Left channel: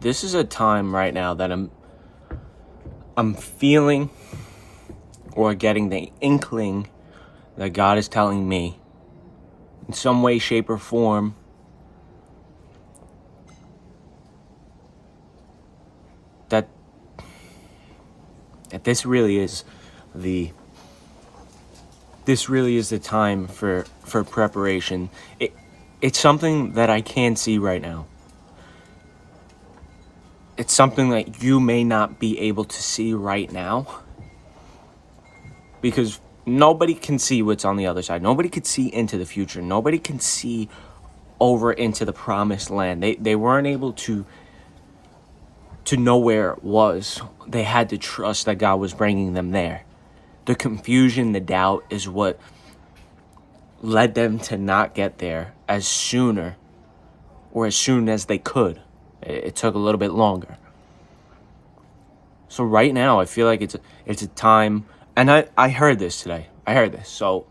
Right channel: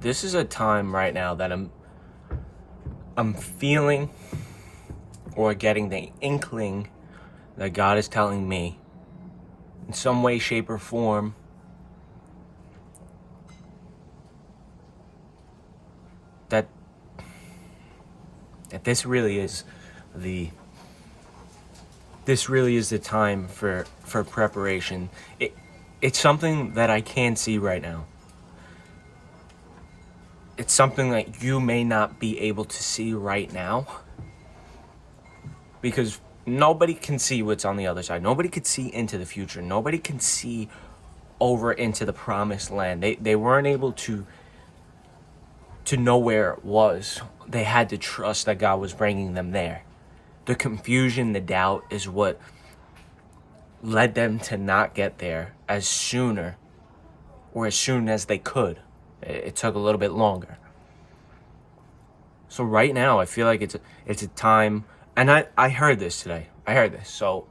this is a time right now that I'm feeling or getting the inkling that God is telling me in some way, shape, or form that this really is the time for preparation. It's something that I can see right now. It's something that you may not be able to see right now because nobody can see what's on the other side. Nobody could see into the future. Nobody can see over into the promised land. They weren't able to know where it was. They had to trust that God was bringing them there. The confusion, the doubt is what led them to not get there as soon as they could. It took a little bit longer. So right now, I feel like it's a time, and I heard this today. So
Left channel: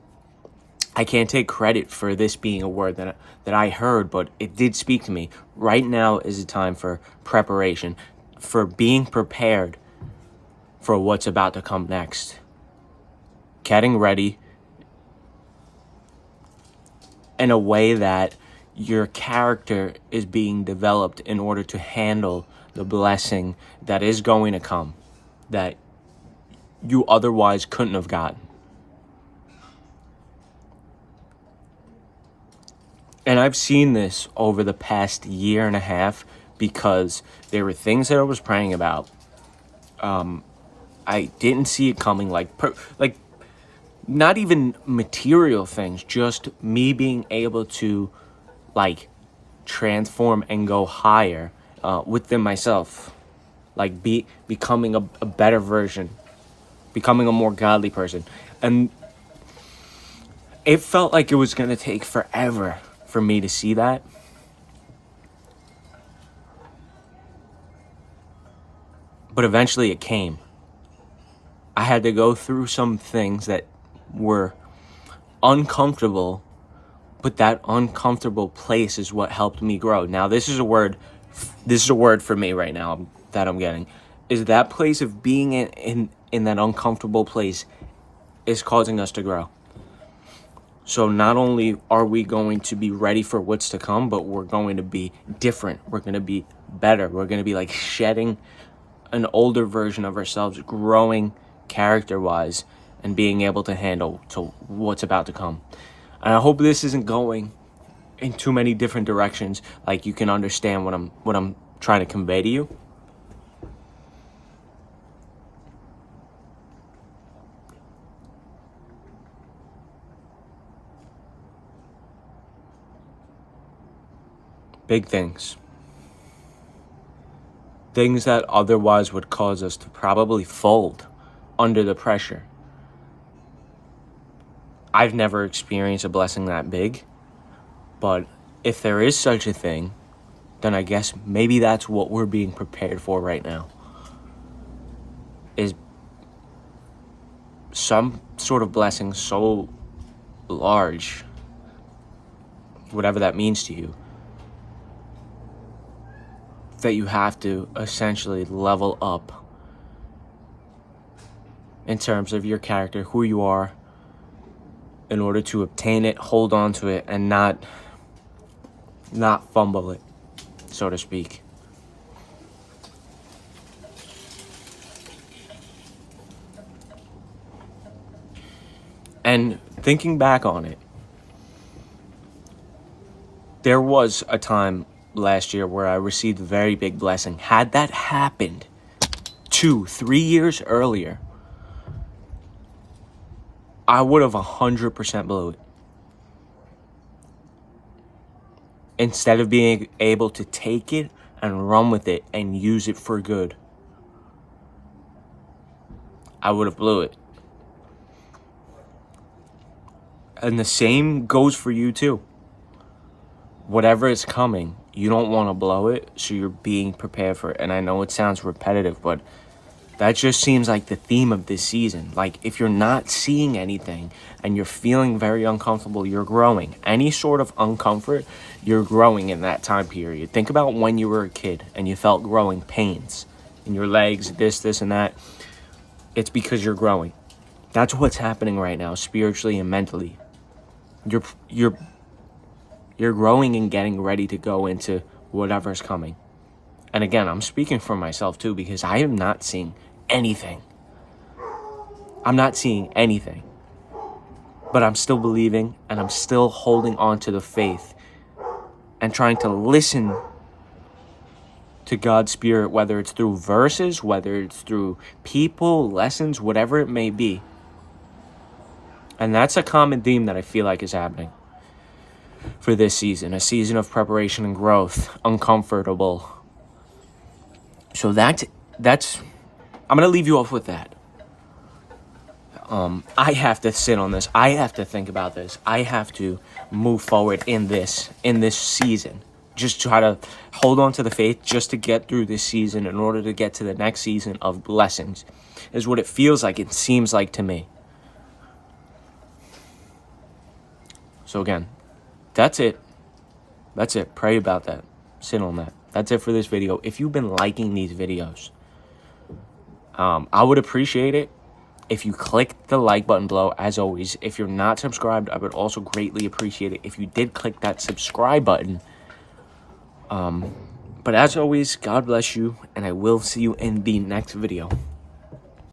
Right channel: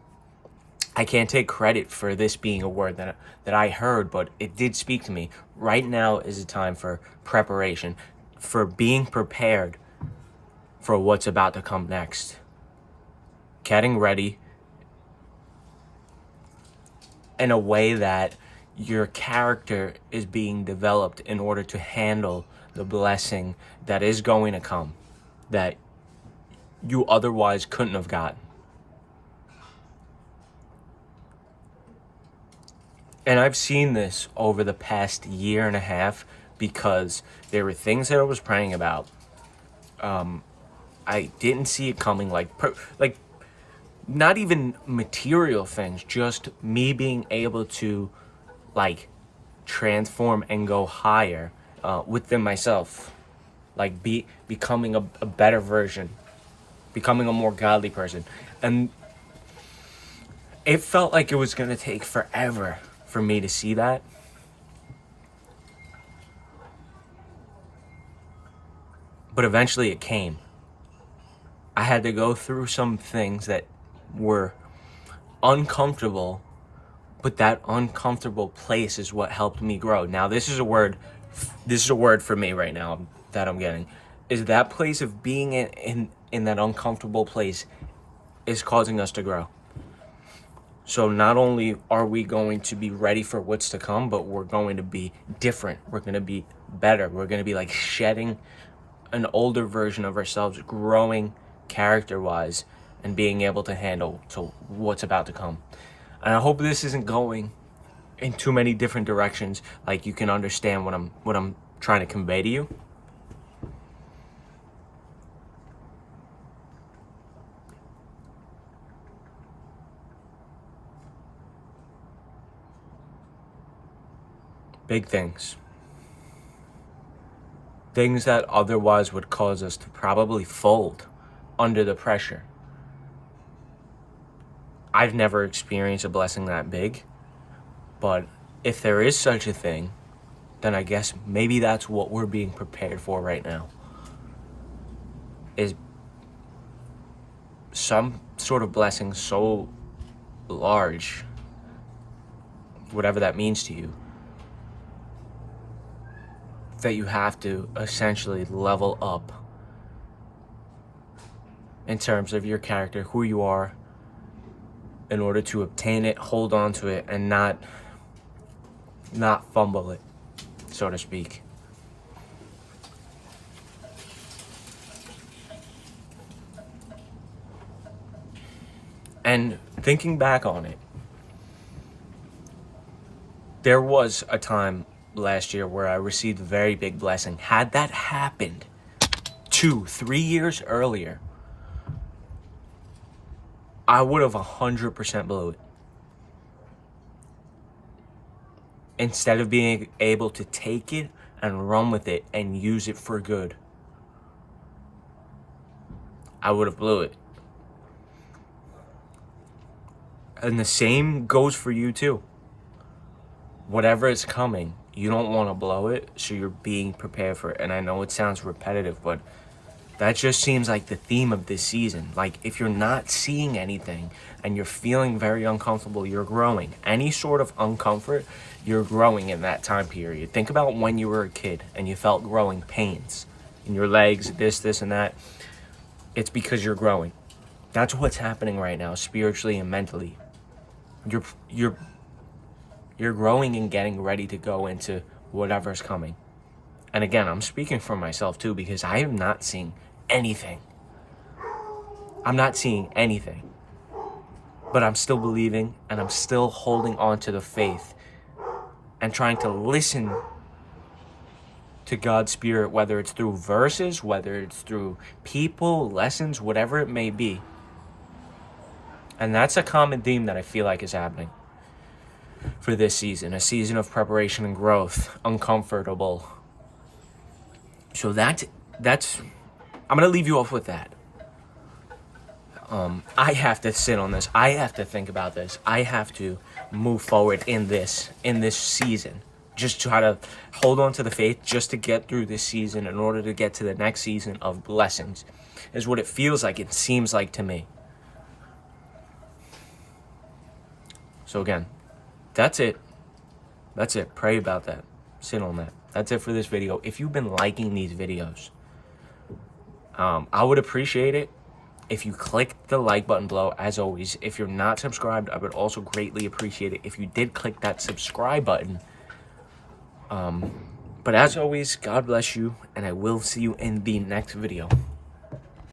I can't take credit for this being a word that I heard, but it did speak to me. Right now is a time for preparation, for being prepared for what's about to come next. Getting ready in a way that your character is being developed in order to handle the blessing that is going to come, that you otherwise couldn't have gotten. And I've seen this over the past year and a half because there were things that I was praying about. I didn't see it coming, like not even material things, just me being able to transform and go higher within myself, becoming a better version, becoming a more godly person. And it felt like it was going to take forever for me to see that. But eventually it came. I had to go through some things that were uncomfortable, but that uncomfortable place is what helped me grow. Now, this is a word for me right now that I'm getting, is that place of being in that uncomfortable place is causing us to grow. So not only are we going to be ready for what's to come, but we're going to be different. We're going to be better. We're going to be shedding an older version of ourselves, growing character-wise, and being able to handle to what's about to come. And I hope this isn't going in too many different directions. You can understand what I'm trying to convey to you. Big things. Things that otherwise would cause us to probably fold under the pressure. I've never experienced a blessing that big, but if there is such a thing, then I guess maybe that's what we're being prepared for right now. Is some sort of blessing so large, whatever that means to you, that you have to essentially level up in terms of your character, who you are, in order to obtain it, hold on to it, and not fumble it, so to speak. And thinking back on it, there was a time last year where I received a very big blessing. Had that happened 2-3 years earlier, I would have 100% blew it. Instead of being able to take it and run with it and use it for good, I would have blew it. And the same goes for you too. Whatever is coming, you don't want to blow it, so you're being prepared for it. And I know it sounds repetitive, but that just seems like the theme of this season. If you're not seeing anything and you're feeling very uncomfortable, you're growing. Any sort of uncomfort, you're growing in that time period. Think about when you were a kid and you felt growing pains in your legs, this, and that. It's because you're growing. That's what's happening right now, spiritually and mentally. You're growing and getting ready to go into whatever's coming. And again, I'm speaking for myself too, because I am not seeing anything. I'm not seeing anything. But I'm still believing, and I'm still holding on to the faith and trying to listen to God's Spirit, whether it's through verses, whether it's through people, lessons, whatever it may be. And that's a common theme that I feel like is happening for this season, a season of preparation and growth, uncomfortable. So that's I'm going to leave you off with that. I have to sit on this. I have to think about this. I have to move forward in this season. Just try to hold on to the faith just to get through this season in order to get to the next season of blessings, is what it feels like, it seems like to me. So again, that's it. That's it. Pray about that. Sit on that. That's it for this video. If you've been liking these videos, I would appreciate it if you click the like button below. As always, if you're not subscribed, I would also greatly appreciate it if you did click that subscribe button. But as always, God bless you, and I will see you in the next video.